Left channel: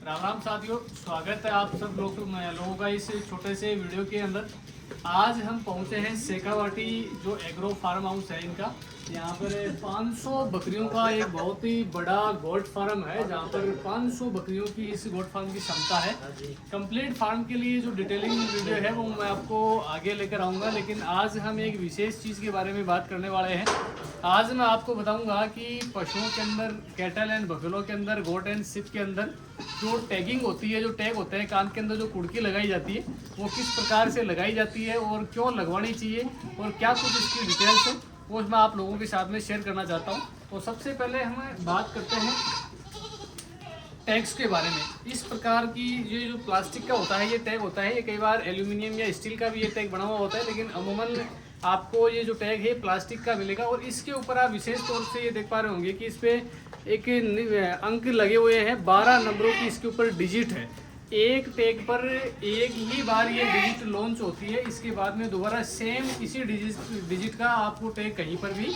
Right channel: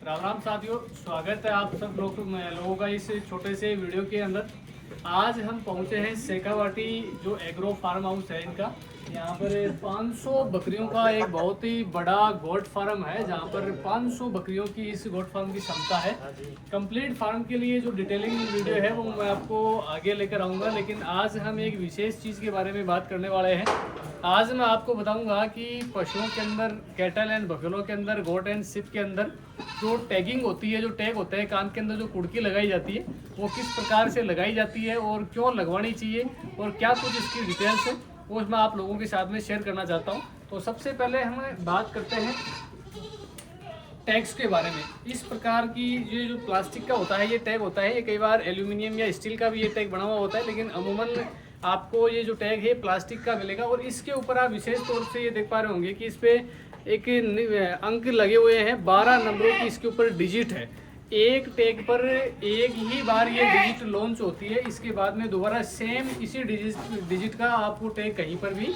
राम राम साथियों, स्वागत है आप सब लोगों का इस छोटे से वीडियो के अंदर। आज हम पहुंचे हैं शेखावाटी, जो एग्रो फार्म हाउस है इनका। यहाँ पर 500 बकरियों का एक बहुत ही बड़ा गोट फार्म है, जहाँ पर 500 बकरियों की इस गोट फार्म की क्षमता है। कंप्लीट फार्म के लिए जो डिटेलिंग वीडियो है वो मैं आपको आगे लेकर आऊँगा, लेकिन आज हम एक विशेष चीज़ के बारे में बात करने वाले हैं। आज मैं आपको बताऊंगा कि पशुओं के अंदर, कैटल एंड बफेलो के अंदर, गोट एंड शिप के अंदर जो टैगिंग होती है, जो टैग होते हैं कान के अंदर, जो कुड़की लगाई जाती है, वो किस प्रकार से लगाई जाती है और क्यों लगवानी चाहिए और क्या कुछ इसकी डिटेल्स है, वो मैं आप लोगों के साथ में शेयर करना चाहता हूँ। तो सबसे पहले हम बात करते हैं टैग्स के बारे में। इस प्रकार की ये जो प्लास्टिक का होता है, ये टैग होता है, ये कई बार एल्यूमिनियम या स्टील का भी ये टैग बना हुआ होता है, लेकिन अमूमन आपको ये जो टैग है प्लास्टिक का मिलेगा। और इसके ऊपर आप विशेष तौर से ये देख पा रहे होंगे कि इस पे एक अंक लगे हुए हैं, 12 नंबरों की इसके ऊपर डिजिट है। एक टैग पर एक ही बार ये डिजिट लॉन्च होती है, इसके बाद में दोबारा सेम इसी डिजिट का आपको टैग कहीं पर भी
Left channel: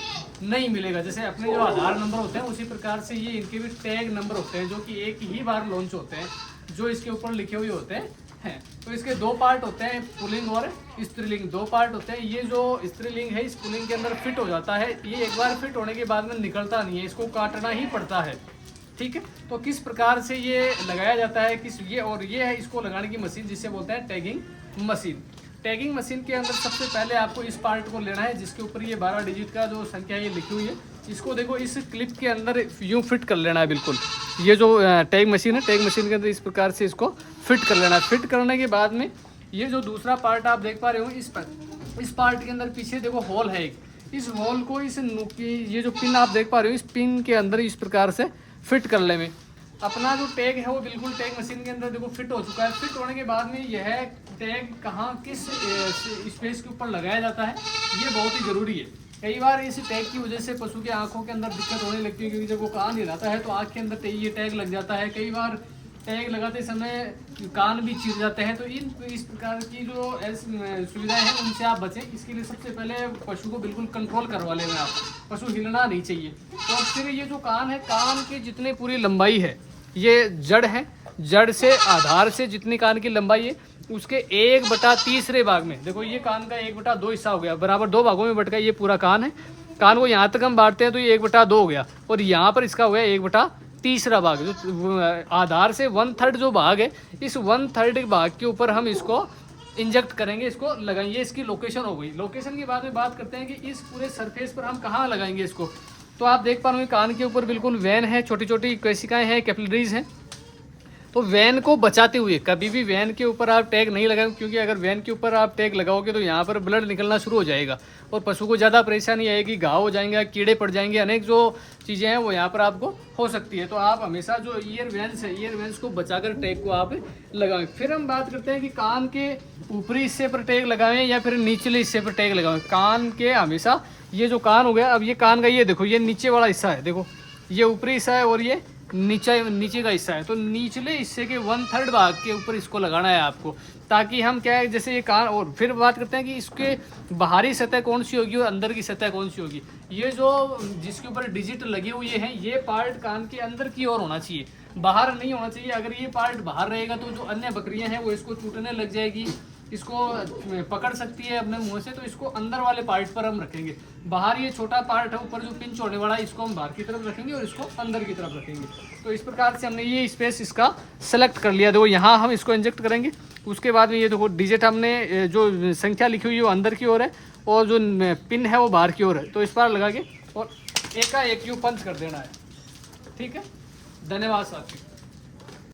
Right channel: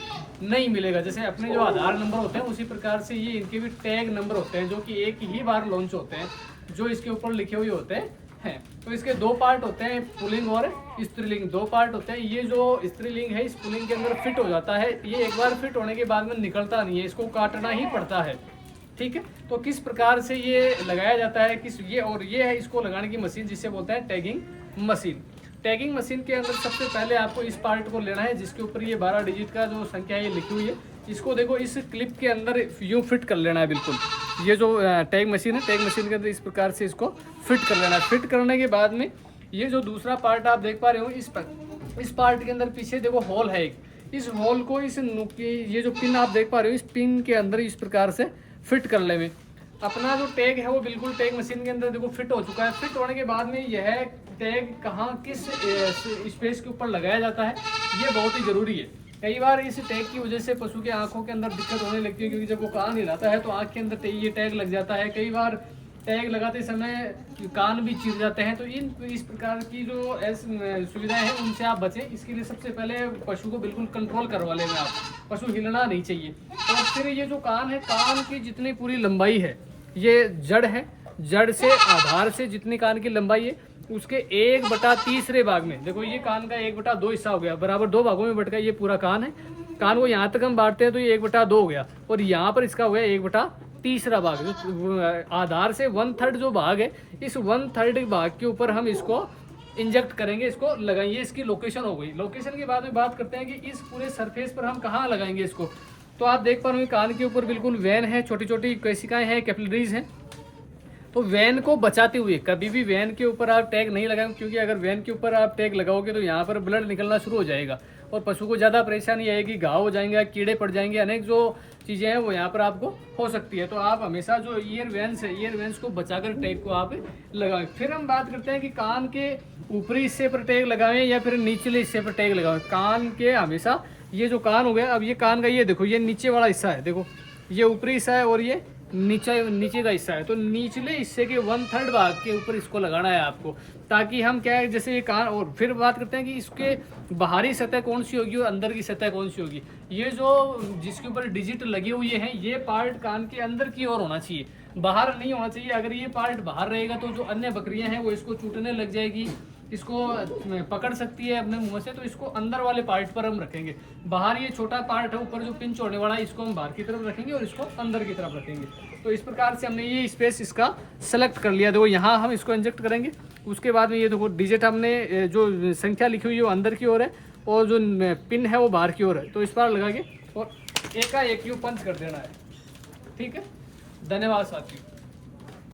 नहीं मिलेगा। जैसे अपने जो आधार नंबर होते हैं उसी प्रकार से ये इनके भी टैग नंबर होते हैं, जो कि एक ही बार लॉन्च होते हैं, जो इसके ऊपर लिखे हुए होते हैं। तो इसके दो पार्ट होते हैं, पुलिंग और स्त्रीलिंग, दो पार्ट होते हैं। ये जो स्त्रीलिंग है, इस पुलिंग के अंदर फिट हो जाता है, ये एक बार फिट होने के बाद में निकलता नहीं है, इसको काटना ही पड़ता है। ठीक है, तो किस प्रकार से ये लगाया जाता है, किस ये और ये है इसको लगाने की मशीन, जिसे बोलते हैं टैगिंग मशीन। टैगिंग मशीन के अंदर सबसे पहले आपको इस पार्ट को लेना है, जिसके ऊपर ये 12 डिजिट का जो संख्या ये लिखी हुई है, इसको देखो इस क्लिप के अंदर यूँ फिट कर लेना है बिल्कुल। ये जो टैग मशीन है, टैग मशीन के अंदर इस प्रकार से इसको फिट कर लेना है। फिट करने के बाद में ये जो दूसरा पार्ट आप देख पा रहे हो, इस पार्ट के अंदर पीछे देखो होल है एक, इस होल को इस ये जो पिन आप देख पा रहे हो, इस पिन के अंदर इस प्रकार से फिट कर ले में अपना जो टैग है वो बिल्कुल टैग मशीन के अंदर देखो फिट हो चुका है। फिट होने के बाद में यह टैग कहाँ किस स्पेस के ऊपर लगाया जाता है, ये बहुत ही ज़रूरी है। कई बार इस टैग की वजह से पशु के आंखों के अंदर दिक्कत होने लगती है, क्योंकि जब वो कान हिलाता है तो आंख के अंदर ये टैग लग जाता है। कई बार टैग लगाते समय कान भी चिर जाते हैं। तो इस प्रकार की जो सुविधाएं हैं उनसे आप बचें। इसके लिए सबसे पहले पशु को बिल्कुल कंट्रोल करवा लेना आप, पशु हिलना नहीं चाहिए। और फिर ये जो कान है, कान की जितनी पूरी लंबाई है, ये जड़ है, जड़ से आधार से जितनी कान की लंबाई है, उसके 1/3 भाग में देखो, ये कान का 1/2 हिस्सा हो गया, बराबर 2 भागों में बट गया। ये पूरा कान है, कान को यहाँ तक हम बांटते हैं तो ये 1/2 हो गया, और यहाँ पर इसका हो गया 1/3 भाग। जो आधार से 1/3 जो भाग है, इस 1/3 भाग के ऊपर हम इसको इंजेक्ट करेंगे, इसको लगाएंगे। इसकी लोकेशन हो गई। लोकेशन के बाद में बात करते हैं कि इस पूरे सरफेस पर हम कहाँ लगाएंगे इसको। तो आप देख पा रहे हैं कान के ऊपर बिल्कुल वेन है, छोटी छोटी कोशिकाएं हैं, कैपिलरीज हैं। तो वैन को बचाते हुए कभी भी वैन के ऊपर आप टैग नहीं लगाएं, क्योंकि अगर वैन के ऊपर आप टैग लगाओगे तो यहाँ पर ब्लड निकलना शुरू हो जाएगा और पशु को ज़्यादा परेशानी आएगी, घाव हो जाएंगे, कीड़े पड़ जाएंगे, अनेक जो चीज़ें हैं वो यहाँ पर आपको हो सकती है। तो आप हमेशा जो ईयर वेंस है, ईयर वेंस को बचाकर टैग को आप लगाएं। फिर हम बात करते हैं कि कान के ऊपरी हिस्से पर टैग लगाएं या फिर निचले हिस्से पर टैग लगाएं। कान के हमेशा, ये जो कान हो गया, अब ये कान का ये देखो, ये नीचे वाला हिस्सा है, देखो ये ऊपरी हिस्सा है और ये नीचे का हिस्सा है। तो निचले हिस्से के 1/3 भाग के ऊपर इसको लगाना है आपको, ताकि हम क्या है, जैसे ये कान। और फिर बात करते हैं कि इसके बाहरी सतह कौन सी होगी और अंदर की सतह कौन सी होगी। ये जो जिसके ऊपर डिजिट लगे हुए हैं, ये पार्ट कान के अंदर की ओर होना चाहिए, बाहर नहीं होना चाहिए। अगर ये पार्ट बाहर रहेगा तो जो अन्य बकरियां हैं वो इसको चूटने लग जाएगी, इसको पकड़ सकती है अपने मुंह से। तो इसको अंदर वाले पार्ट पर हम रखेंगे। बाहर ये छोटा पार्ट है ऊपर जो पिंच होने वाला है, इसको हम बाहर की तरफ रखेंगे और इसको अंदर की तरफ रखेंगे। तो इस प्रकार से हमने ये स्पेस इसका सेलेक्ट कर लिया। देखो यहाँ हम इसको इंजेक्ट करेंगे, उसके बाद में ये देखो डिजिट हमने जो संख्या लिखी हुई है वो अंदर की ओर है और जो पिन है वो बाहर की ओर है। तो इस पर लगा के और एक का एक यू पंच कर देना है। ठीक है, धन्यवाद साथियों।